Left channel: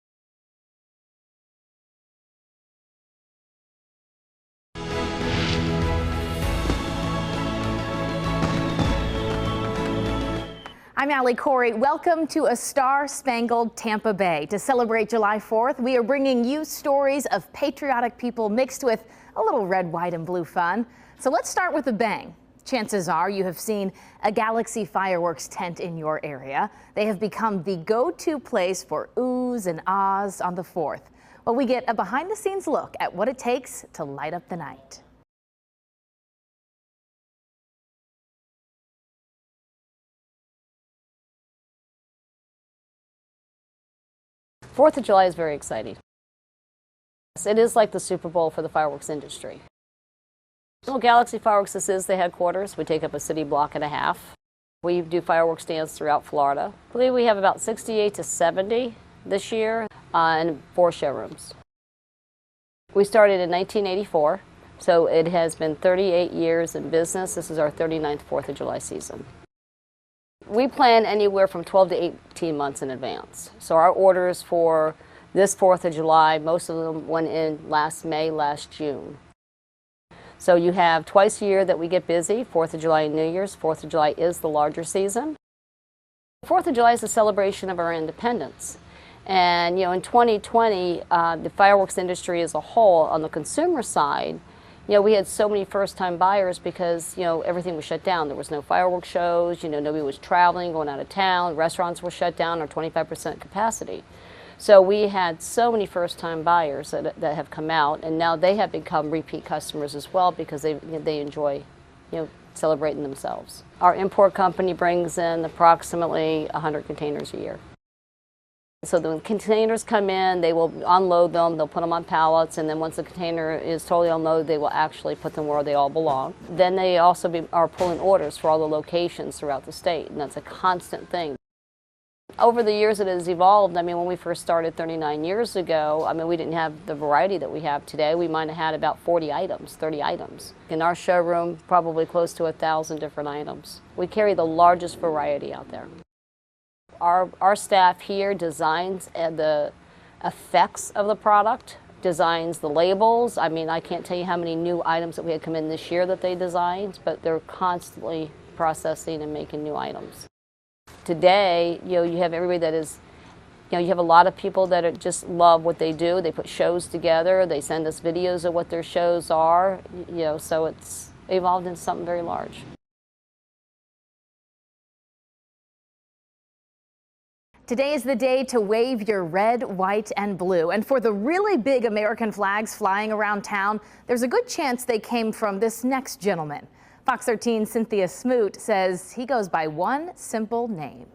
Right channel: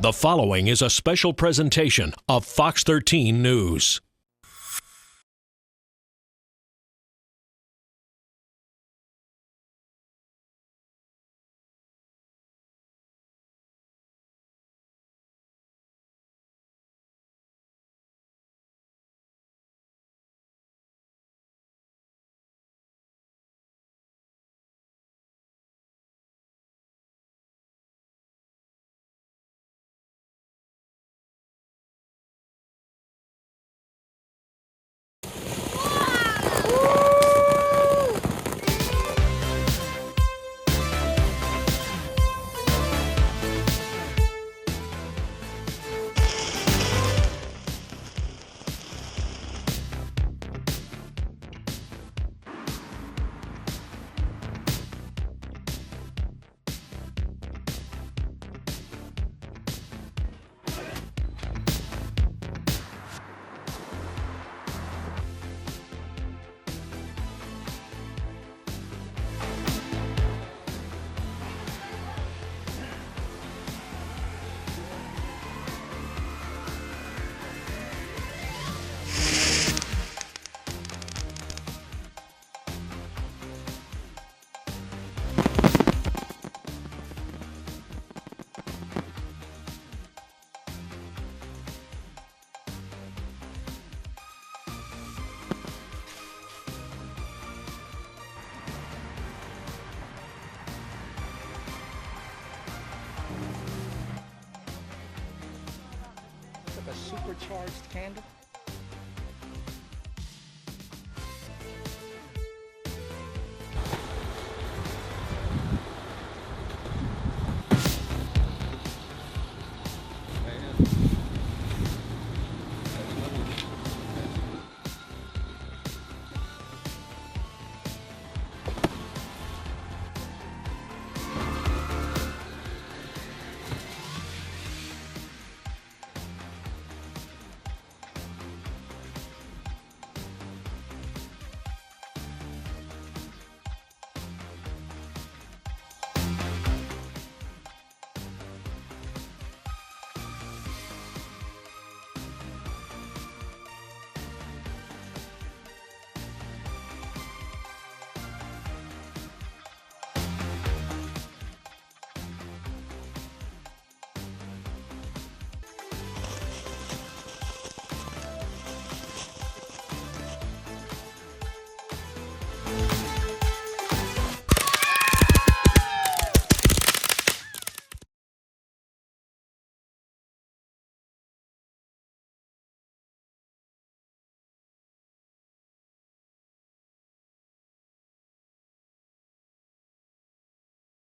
The following is a special presentation of Fox 13 News. I'm Allie Corey. Welcome to a star-spangled Tampa Bay. To celebrate July 4th, we are bringing you stories of patriotic people mixed with a little red, white, and blue fun. So let's start with a bang. Chances are you have seen a Galaxy fireworks tent in your area. They have become the go-to place for oohs and ahs on the 4th. Well, we get a behind-the-scenes look at what it takes to light up the night. 4th of July is very exciting. It is like the Super Bowl for the fireworks industry. Well, Galaxy Fireworks, this is the headquarters. We take up a city block and a half. We do fireworks stands throughout Florida. I believe we have about 68 to 70 this year and 4 showrooms. We started in 1984, so it has been 38 years in business. This is our 39th 4th of July season. We plan anywhere from 12 to 18 months in advance. So our orders for this 4th of July, most of them went in last May, last June. So you have twice a year that we get busy, 4th of July and New Year's. 4th of July is the larger season. 4th of July is a celebration of our independence. And you know, in 2020, the fireworks industry as a whole, on the consumer side, you know, we had so many first-time buyers because, you know, everything was shut down. There was no fireworks shows, you know, nobody was traveling, going out of town, restaurants were shut down on 25% capacity. So we had so many first-time buyers that have come out, and now they have become repeat customers as well because they enjoy, you know, celebrating themselves. Our import company brings in approximately 100 containers a year. So the containers come in, they will unload them, they'll put them on pallets, and then once the container is totally unloaded, they will actually put them where they all belong. Then they also are pulling orders for all the locations throughout the state, and that's a constant thing. Over the years it has evolved. I mean, when we first started 39 years ago, I mean, we didn't have the variety that we have today. We might have had about 40 items, 30 items. In our showroom, probably close to 1,000 different items. We carry the largest variety out there. Our staff here designs the effects of the product, designs the labels. I mean, I can't tell you how many new items that we had come in this year that they designed, but they're constantly processing and making new items. Today, you know, you have everybody that is, you know, you have a lot of people that just love what they do. They put shows together. They send us videos of what their shows are, you know, so it's evolved into something very large. Today is the day to wave your red, white, and blue. And for the really big American flags flying around town, there's a good chance they came from this next gentleman. Fox 13's Cynthia Smoot says he goes by one simple name.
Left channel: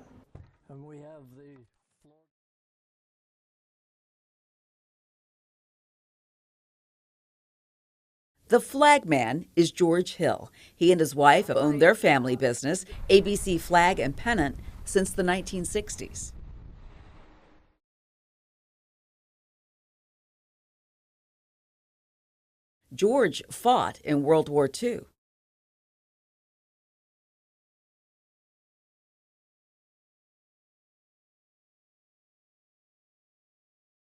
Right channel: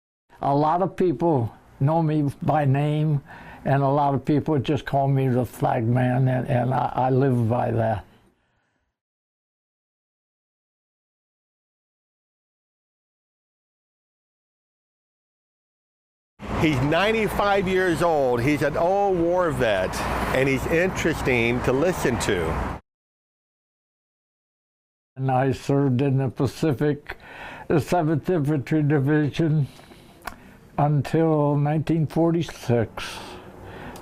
A lot of people know me by name, and a lot of people just call me the Flag Man, and I live by that. The Flag Man is George Hill. He and his wife have owned their family business, ABC Flag and Pennant, since the 1960s. He's 95 years old. He's an old war vet, and he's interesting to listen to. George fought in World War II. And I served in the Pacific, the 7th Infantry Division until 1946.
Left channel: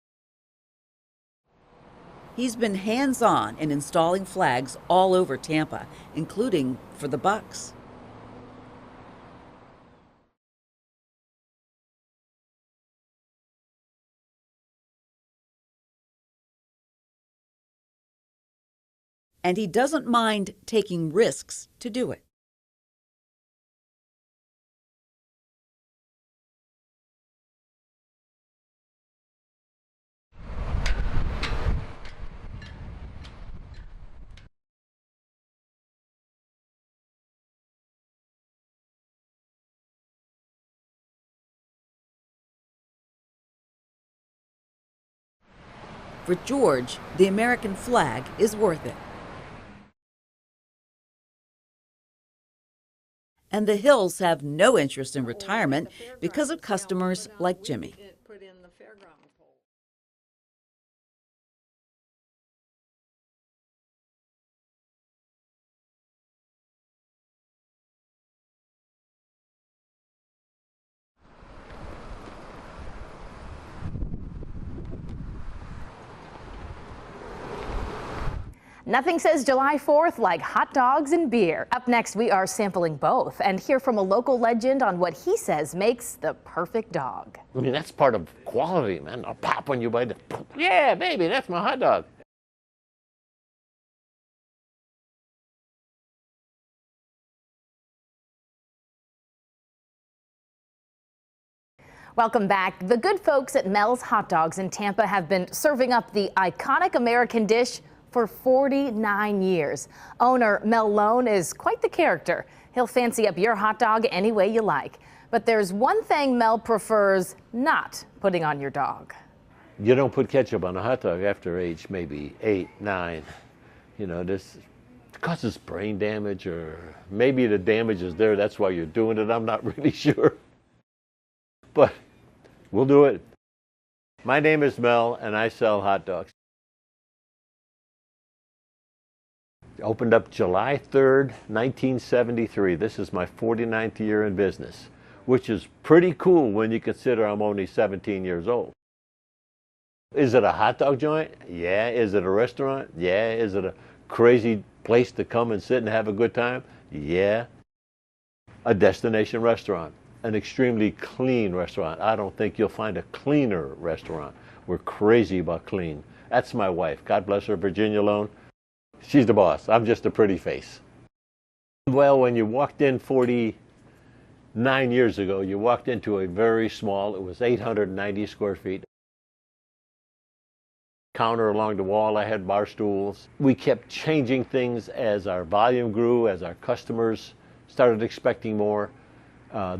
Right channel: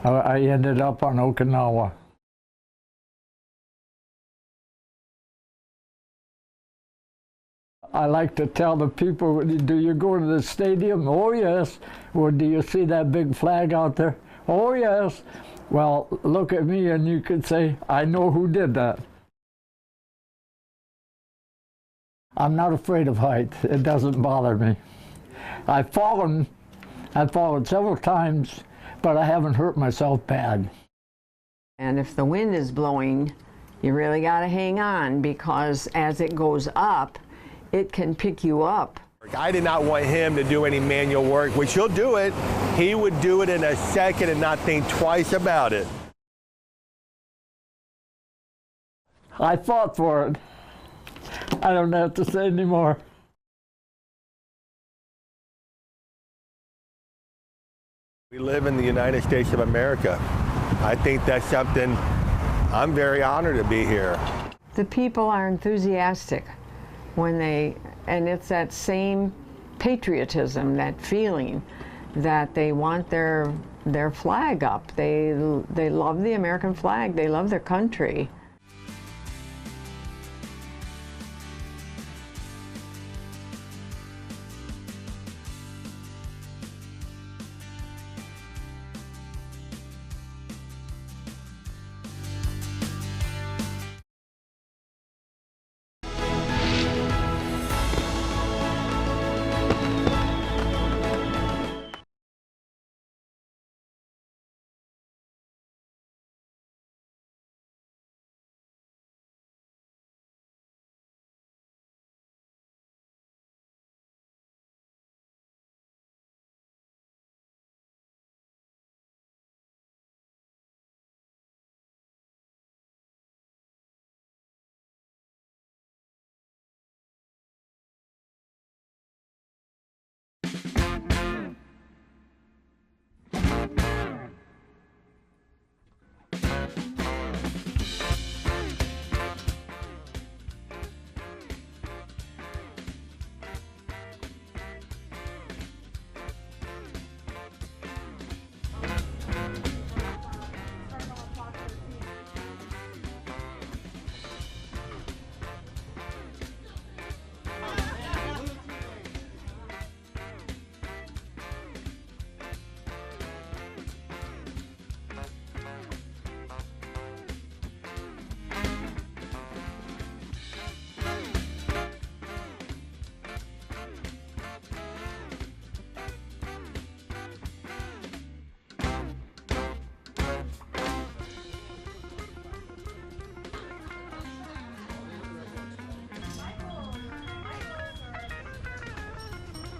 I ended up on Okinawa. He's been hands-on in installing flags all over Tampa, including for the Bucks. I like to tell the people, do you go to the stadium? Oh, yes. Well, do you see that big flag out there? Oh, yes. Well, look at me and you could say, I know who did that. And he doesn't mind taking risks to do it. I'm not afraid of heights. It doesn't bother me. I've fallen several times, but I haven't hurt myself bad. And if the wind is blowing, you really got to hang on, because as it goes up, it can pick you up. I did not want him to do any manual work, which he'll do it. He would do it in a second and not think twice about it. For George, the American flag is worth it. I fought for it. I don't have to say anymore. And the Hills have no interest in retirement because of customers like Jimmy. We live in the United States of America. I think that's something, I'm very honored to be here. The people are enthusiastic and it's that same patriotism, that feeling that they want their their flag up. They love the American flag. They love their country. Nothing says July 4th like hot dogs and beer. Up next, we are sampling both and hear from a local legend on what he says makes the perfect dog. I mean, that's part of quality, man. I'll pop when you bite it. Yeah, baby, that's my hot dog. Welcome back. The good folks at Mels Hot Dogs in Tampa have been serving up the iconic American dish for 49 years. Owner Mel Lone is quite the character. He'll fancy up your hot dog any way you like. But there's one thing Mel prefers not putting on your dog. You don't put ketchup on a hot dog after age maybe 8, 9. You know, this causes brain damage, or maybe the damage is there, that's why you're doing it. I'm not really sure. But we'll do it. My name is Mel, and I sell hot dogs. Opened up July 3rd, 1973. This is my 49th year in business, which is pretty cool when you consider I'm only 17 years old. Is it a hot dog joint? Yeah. Is it a restaurant? Yeah. Is it a crazy place to come and sit and have a good time? Yeah. A destination restaurant. An extremely clean restaurant. I don't think you'll find a cleaner restaurant. We're crazy about clean. That's my wife. God bless her, Virginia Lone. She's the boss. I'm just a pretty face. Well, when you walked in 49 years ago, you walked into a very small, it was 890 square feet. Counter along the wall, I had bar stools. We kept changing things as our volume grew, as our customers started expecting more.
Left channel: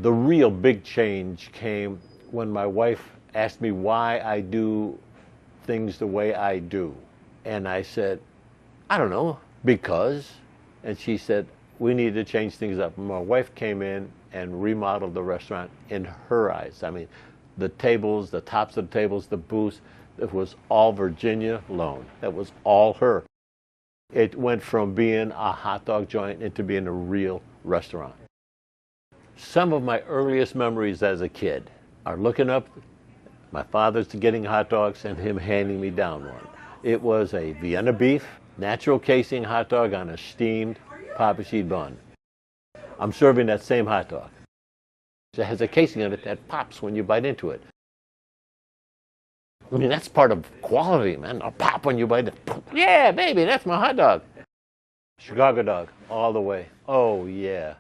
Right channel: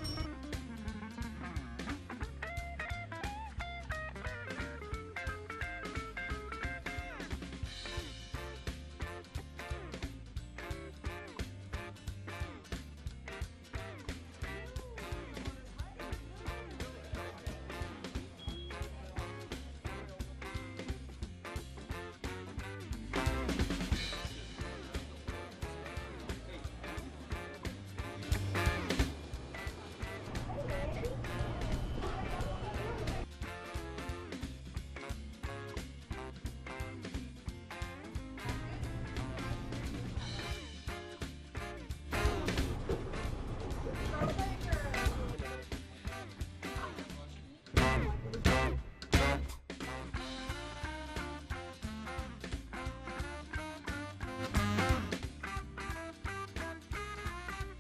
The real big change came when my wife asked me why I do things the way I do. And I said, I don't know, because. And she said, we need to change things up. And my wife came in and remodeled the restaurant in her eyes. I mean, the tables, the tops of the tables, the booths, it was all Virginia Lone. That was all her. It went from being a hot dog joint into being a real restaurant. Some of my earliest memories as a kid are looking up, my father's getting hot dogs and him handing me down one. It was a Vienna beef, natural casing hot dog on a steamed Papa sheet bun. I'm serving that same hot dog. It has a casing on it that pops when you bite into it. I mean, that's part of quality, man. I'll pop when you bite it. Yeah, baby, that's my hot dog. Chicago dog, all the way. Oh, yeah.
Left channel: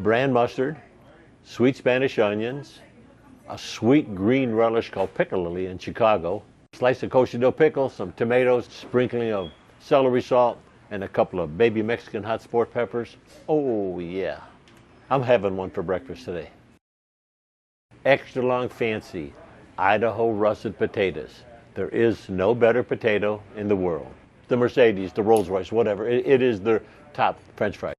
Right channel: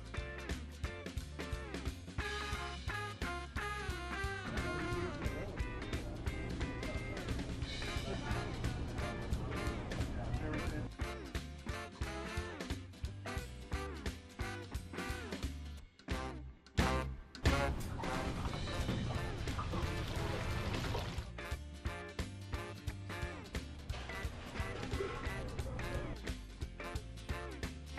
Brand mustard, sweet Spanish onions, a sweet green relish called pickle lily in Chicago, slice of kosher dill pickle, some tomatoes, sprinkling of celery salt, and a couple of baby Mexican hot sport peppers. Oh, yeah. I'm having one for breakfast today. Extra long fancy Idaho russet potatoes. There is no better potato in the world. The Mercedes, the Rolls Royce, whatever, it is their top French fry.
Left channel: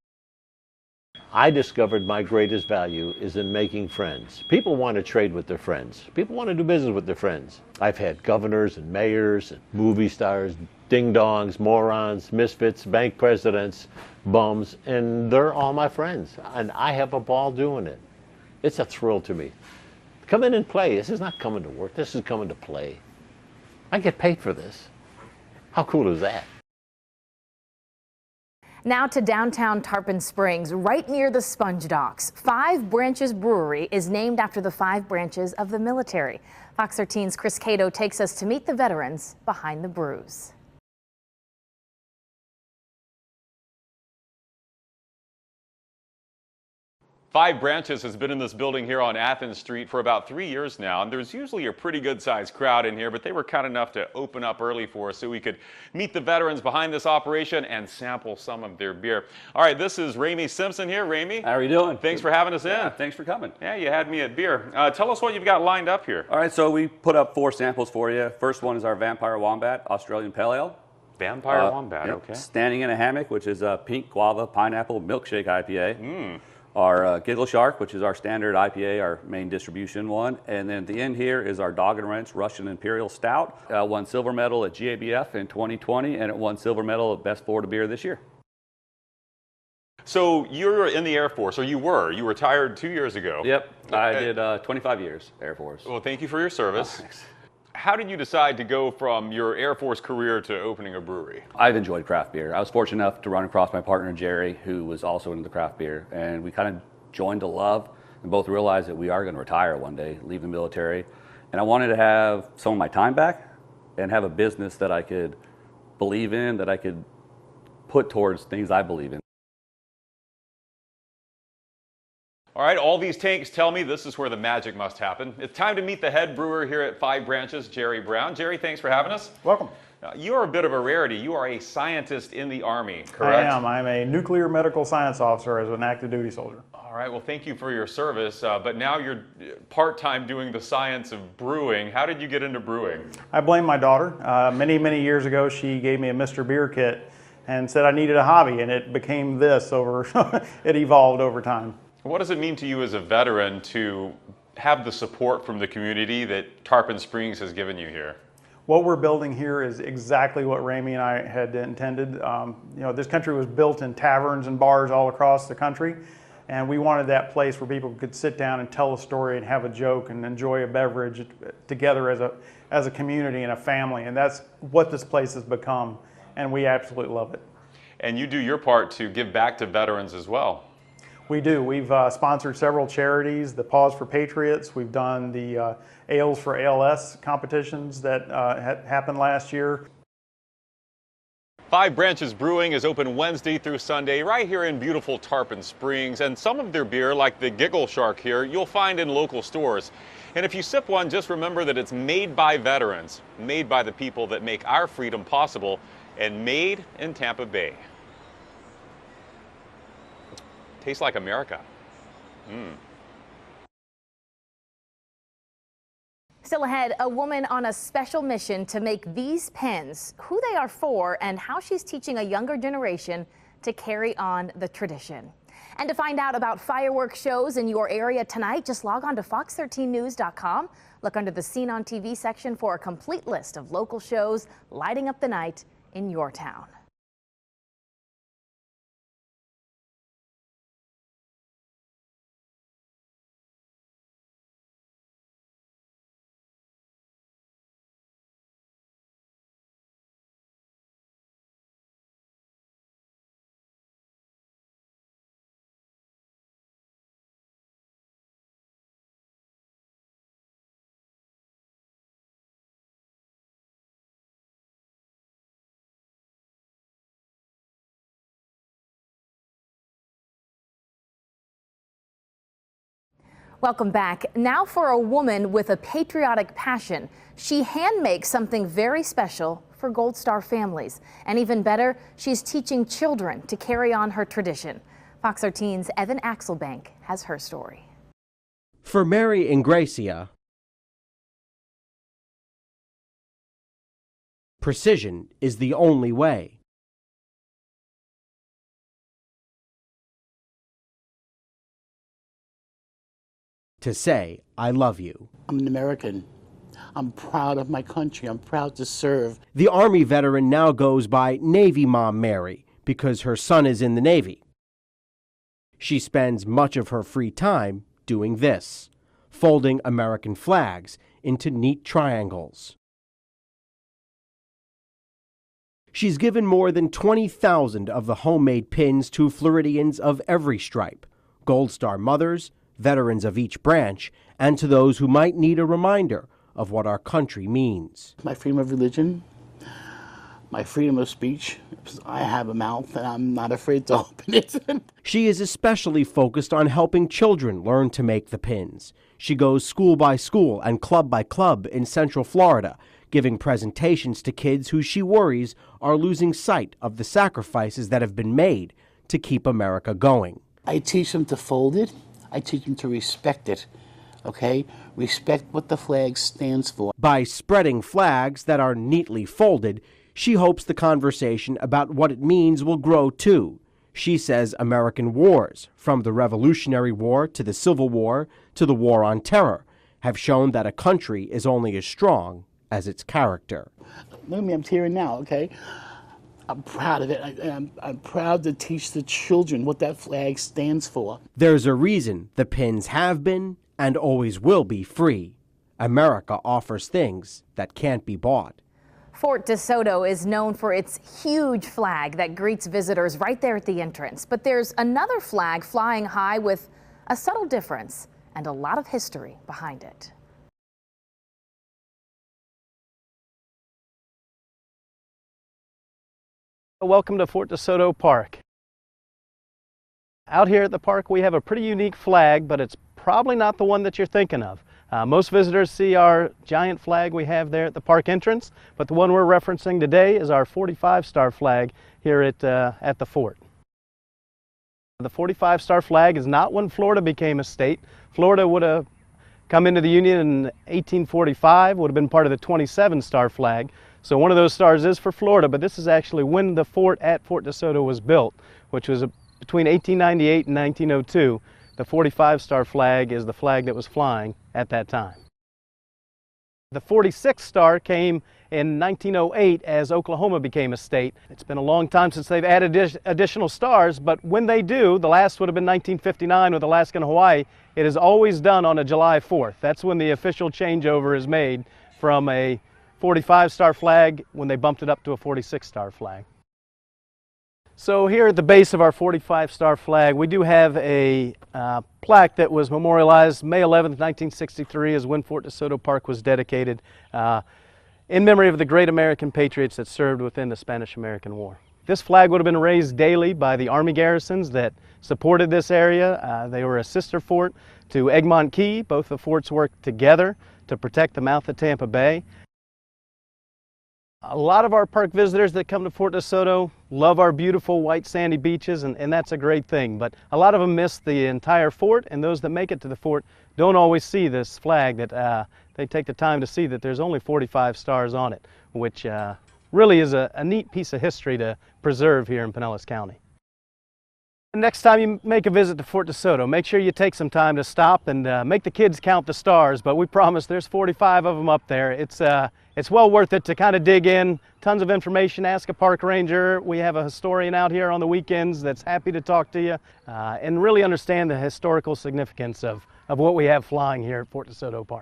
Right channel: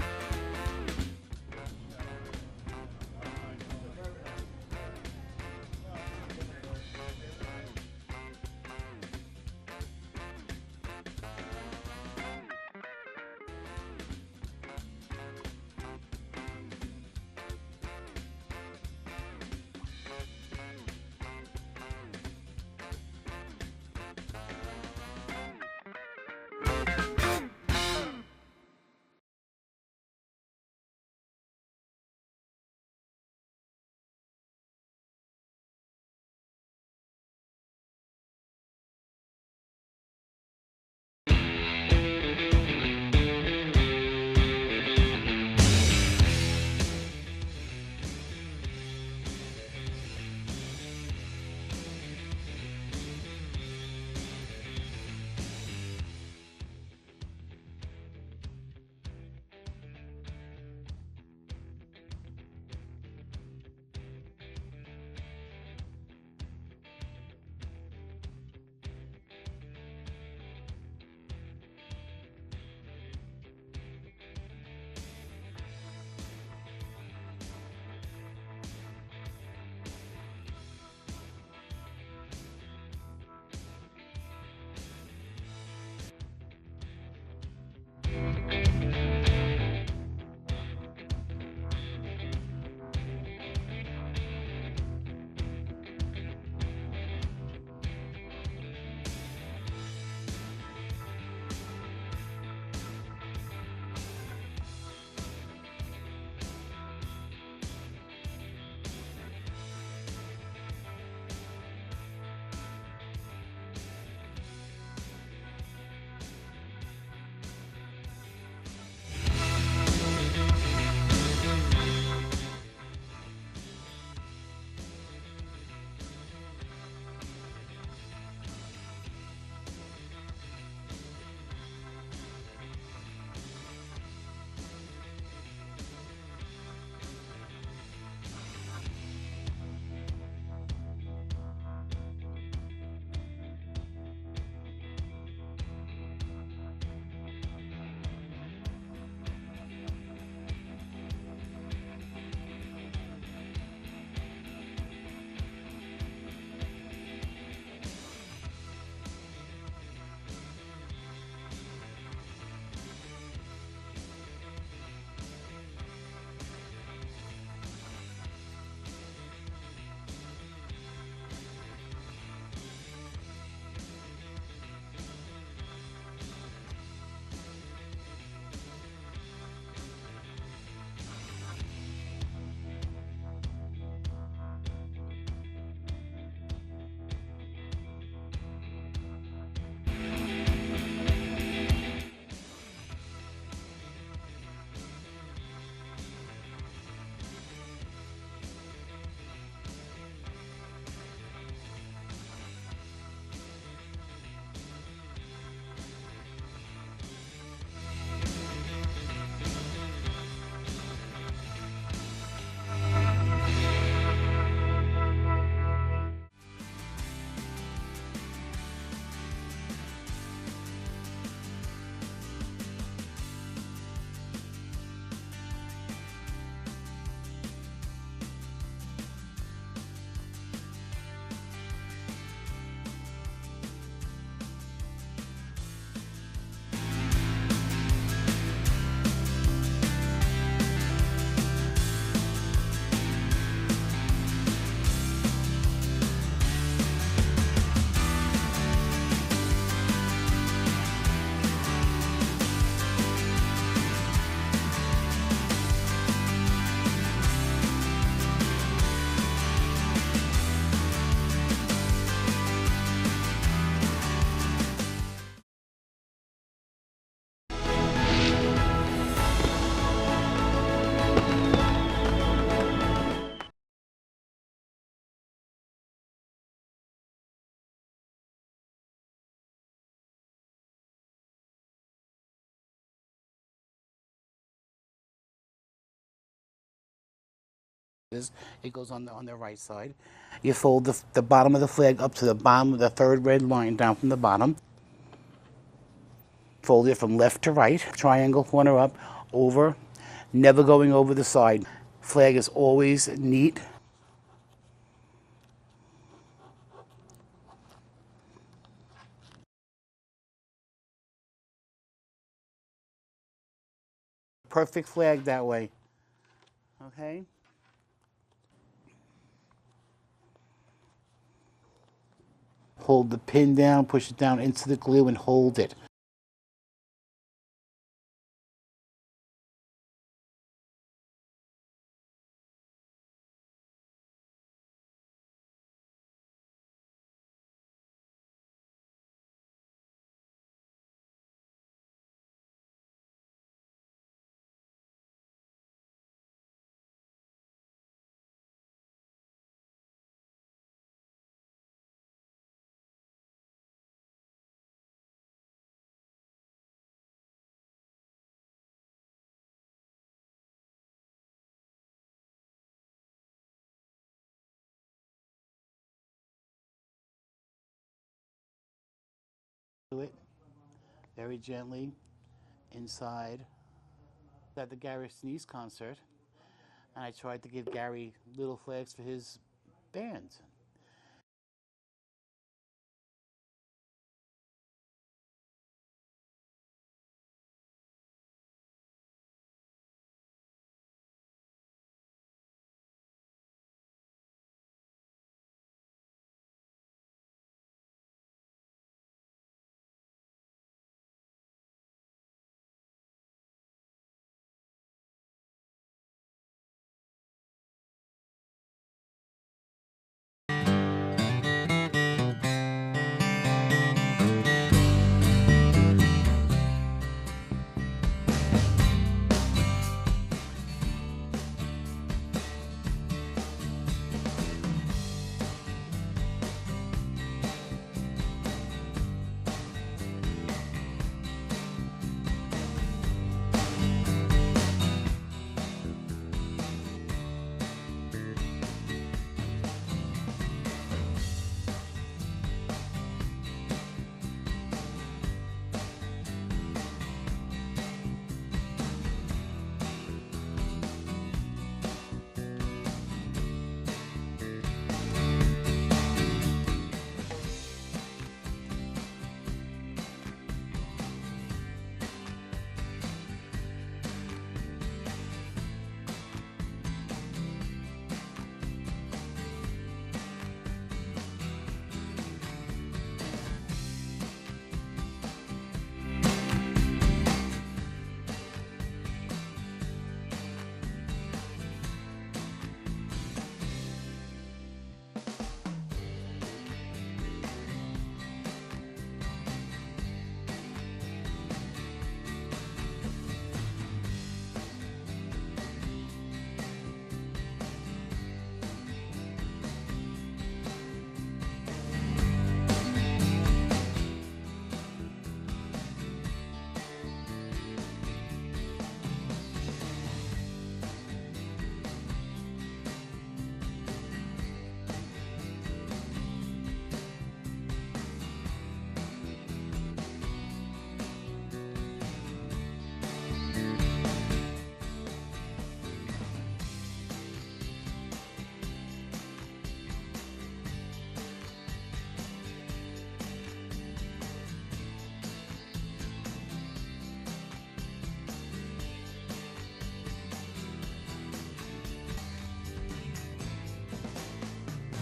I discovered my greatest value is in making friends. People want to trade with their friends. People want to do business with their friends. I've had governors and mayors, and movie stars, ding-dongs, morons, misfits, bank presidents, bums, and they're all my friends. And I have a ball doing it. It's a thrill to me. Come in and play. This is not coming to work. This is coming to play. I get paid for this. How cool is that? Now to downtown Tarpon Springs, right near the Sponge Docks. 5 Branches Brewery is named after the 5 branches of the military. Fox 13's Chris Cato takes us to meet the veterans behind the brews. 5 Branches has been in this building here on Athens Street for about 3 years now, and there's usually a pretty good sized crowd in here, but they were kind enough to open up early for us so we could meet the veterans behind this operation and sample some of their beer. All right, this is Ramey Simpson here. Ramey, how are you doing? Thanks for having us in. Yeah, thanks for coming. Yeah, you had me at beer. Tell us what you've got lined up here. All right, so we put up 4 samples for you. First one is our Vampire Wombat Australian Pale Ale. Vampire Wombat, yep. okay. Standing in a Hammock, which is a pink guava pineapple milkshake IPA. Our Giggle Shark, which is our standard IPA, our main distribution one. And then at the end here is our Dog and Wrench Russian Imperial Stout. Won silver medal at GABF in 2020, and it won silver medal of Best Florida Beer this year. So you're in the Air Force, or you were. You retired 2 years ago. Yep, I did 25 years Air Force. Well, thank you for your service. How did you decide to go from your Air Force career to opening a brewery? I've enjoyed craft beer. I was fortunate enough to run across my partner Jerry, who was also into craft beer, and we kind of joined a love. We both realized that we are going to retire one day, leave the military, and I wanted to have some of my time back and have a business that I could believe in, that I could put towards things I believe in. All right, all these tanks tell me this is where the magic must happen. It's time to meet the head brewer here at Five Branches, Jerry Brown. Jerry, thanks for having us. Welcome. You are a bit of a rarity. You are a scientist in the Army, correct? I am. I'm a nuclear medical science officer as an active duty soldier. All right, well, thank you for your service, but now you're part-time doing the science of brewing. How did you get into brewing? I blame my daughter. Many years ago, she gave me a Mr. Beer kit and said I needed a hobby, and it became this over, it evolved over time. What does it mean to you as a veteran to have the support from the community that Tarpon Springs has given you here? What we're building here is exactly what Ramey and I had intended. This country was built in taverns and bars all across the country, and we wanted that place where people could sit down and tell a story and have a joke and enjoy a beverage together as a community and a family, and that's what this place has become, and we absolutely love it. And you do your part to give back to veterans as well. We do. We've sponsored several charities, the Paws for Patriots. We've done the Ales for ALS competitions that happened last year. Five Branches Brewing is open Wednesday through Sunday right here in beautiful Tarpon Springs, and some of their beer, like the Giggle Shark here, you'll find in local stores. And if you sip one, just remember that it's made by veterans, made by the people that make our freedom possible, and made in Tampa Bay. Tastes like America. Still ahead, a woman on a special mission to make these pens, who they are for, and how she's teaching a younger generation to carry on the tradition. And to find out about fireworks shows in your area tonight, just log on to fox13news.com. Look under the Scene on TV section for a complete list of local shows lighting up the night in your town. Welcome back. Now for a woman with a patriotic passion. She hand makes something very special for Gold Star families. And even better, she's teaching children to carry on her tradition. Fox 13's Evan Axelbank has her story. For Mary and Gracia, you fold the bottom of the flag up to the bottom of the third red line down from the bottom. Precision is the only way. Fold it from left to right, triangle corner up, over, never going over the side. Flag is always neat. To say, I love you. I'm an American. I'm proud of my country. I'm proud to serve. The Army veteran now goes by Navy Mom Mary because her son is in the Navy. Perfect flag that way. She spends much of her free time doing this, folding American flags into neat triangles. Hold the pin down, push it down into the glue, and hold it. She's given more than 20,000 of the homemade pins to Floridians of every stripe, Gold Star mothers, veterans of each branch, and to those who might need a reminder of what our country means. My freedom of religion, my freedom of speech. I have a mouth and I'm not afraid to open it. She is especially focused on helping children learn to make the pins. She goes school by school and club by club in Central Florida, giving presentations to kids who she worries are losing sight of the sacrifices that have been made to keep America going. I teach them to fold it. I teach them to respect it, okay? Respect what the flag stands for. By spreading flags that are neatly folded, she hopes the conversation about what it means will grow too. She says American wars, from the Revolutionary War to the Civil War to the War on Terror, have shown that a country is only as strong as its character. Look at me, I'm tearing now, okay? I'm proud of it. I'm proud to teach the children what that flag stands for. There's a reason the pins have been and always will be free. America offers things that can't be bought. Fort DeSoto is known for its huge flag that greets visitors right there at the entrance. But there's another flag flying high with a subtle difference and a lot of history behind it. Welcome to Fort DeSoto Park. Out here at the park we have a pretty unique flag, but it's probably not the one that you're thinking of. Most visitors see our giant flag we have there at the park entrance, but the one we're referencing today is our 45-star flag here at the fort. The 45-star flag is not when Florida became a state. Florida would have come into the Union in 1845, would have been part of the 27-star flag. So one of those stars is for Florida, but this is actually when the fort at Fort DeSoto was built, which was between 1898 and 1902. The 45-star flag is the flag that was flying at that time. The 46th star came in 1908 as Oklahoma became a state. It's been a long time since they've added additional stars, but when they do, the last would have been 1959 with Alaska and Hawaii, it is always done on a July 4th. That's when the official changeover is made from a 45-star flag when they bumped it up to a 46-star flag. So here at the base of our 45-star flag, we do have a plaque that was memorialized May 11th, 1963 is when Fort DeSoto Park was dedicated in memory of the great American patriots that served within the Spanish-American War. This flag would have been raised daily by the Army garrisons that supported this area. They were a sister fort to Egmont Key. Both the forts worked together to protect the mouth of Tampa Bay. A lot of our park visitors that come to Fort DeSoto love our beautiful white sandy beaches, and that's a great thing, but a lot of them miss the entire fort, and those that make it to the fort don't always see this flag that they take the time to see that there's only 45 stars on it, which really is a neat piece of history to preserve here in Pinellas County. Next time you make a visit to Fort DeSoto, make sure you take some time to stop and make the kids count the stars, but we promise there's 45 of them up there. It's well worth it to kind of dig in, tons of information, ask a park ranger. We have a historian out here on the weekends that's happy to talk to you and really understand the historical significance of what we have flying here at Fort DeSoto Park.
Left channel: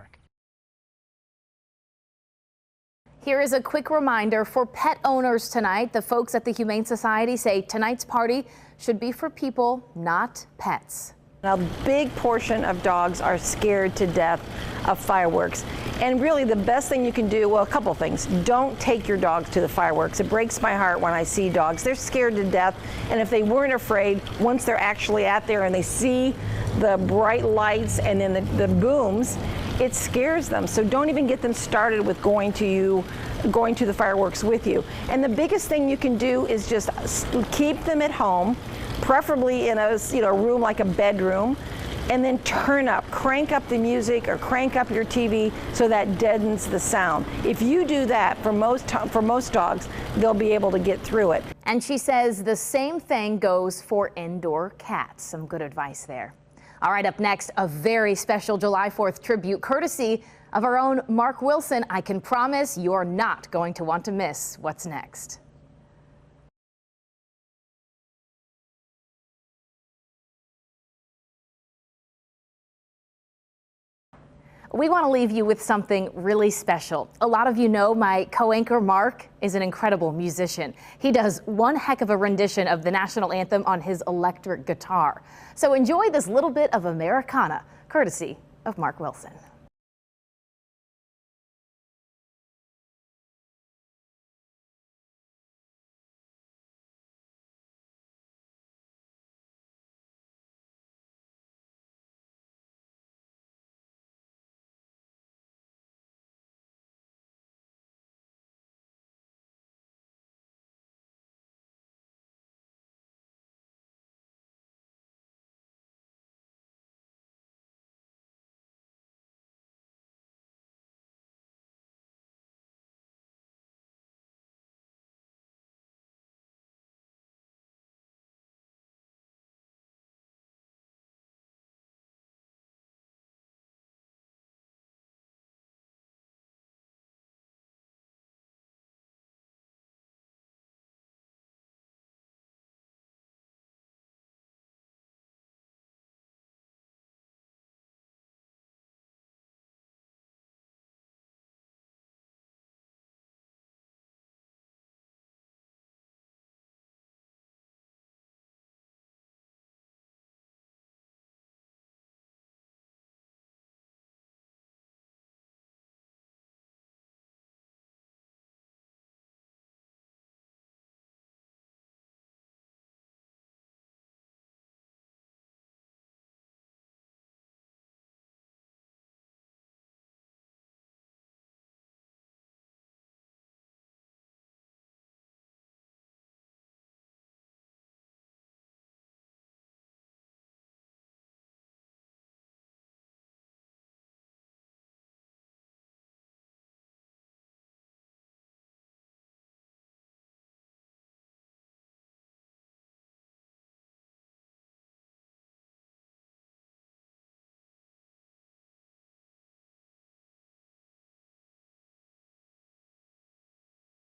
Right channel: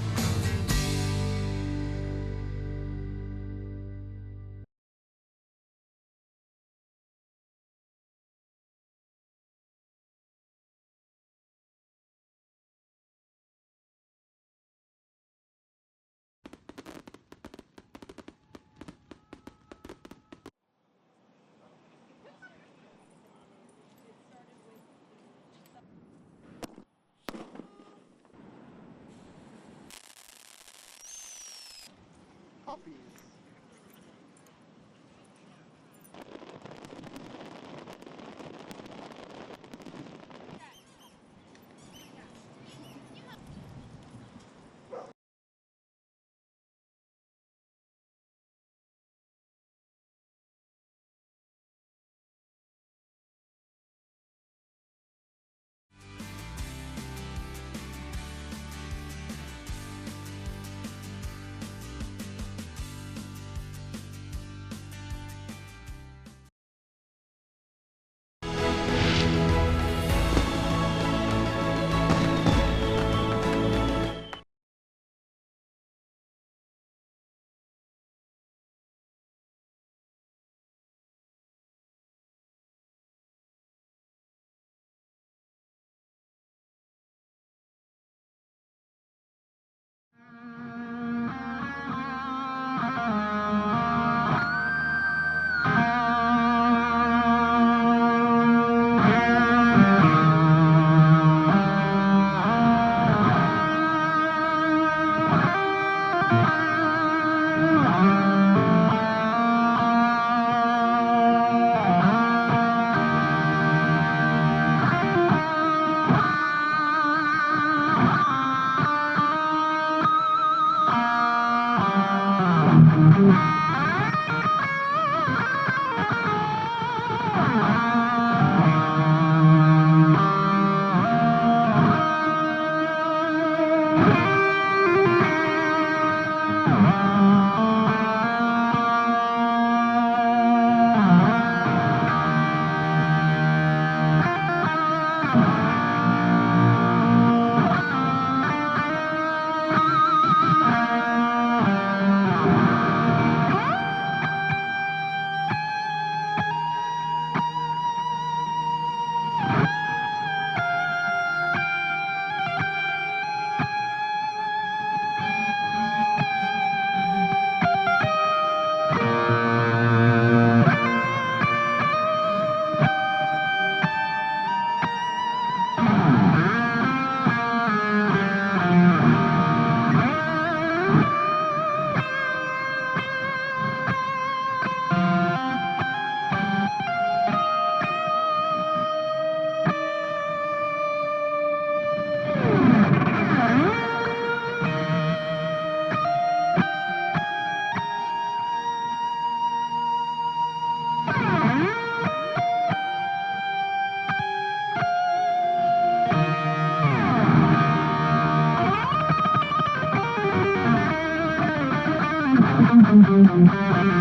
Here is a quick reminder for pet owners tonight. The folks at the Humane Society say tonight's party should be for people, not pets. A big portion of dogs are scared to death of fireworks. And really the best thing you can do, well, a couple things. Don't take your dogs to the fireworks. It breaks my heart when I see dogs. They're scared to death. And if they weren't afraid, once they're actually out there and they see the bright lights and then the booms, it scares them. So don't even get them started with going to the fireworks with you. And the biggest thing you can do is just keep them at home, preferably in a room like a bedroom, and then crank up the music or crank up your TV so that deadens the sound. If you do that for most dogs, they'll be able to get through it. And she says the same thing goes for indoor cats. Some good advice there. All right, up next, a very special July 4th tribute courtesy of our own Mark Wilson. I can promise you're not going to want to miss what's next. We want to leave you with something really special. A lot of you know my co-anchor Mark is an incredible musician. He does one heck of a rendition of the national anthem on his electric guitar. So enjoy this little bit of Americana, courtesy of Mark Wilson. Thank you.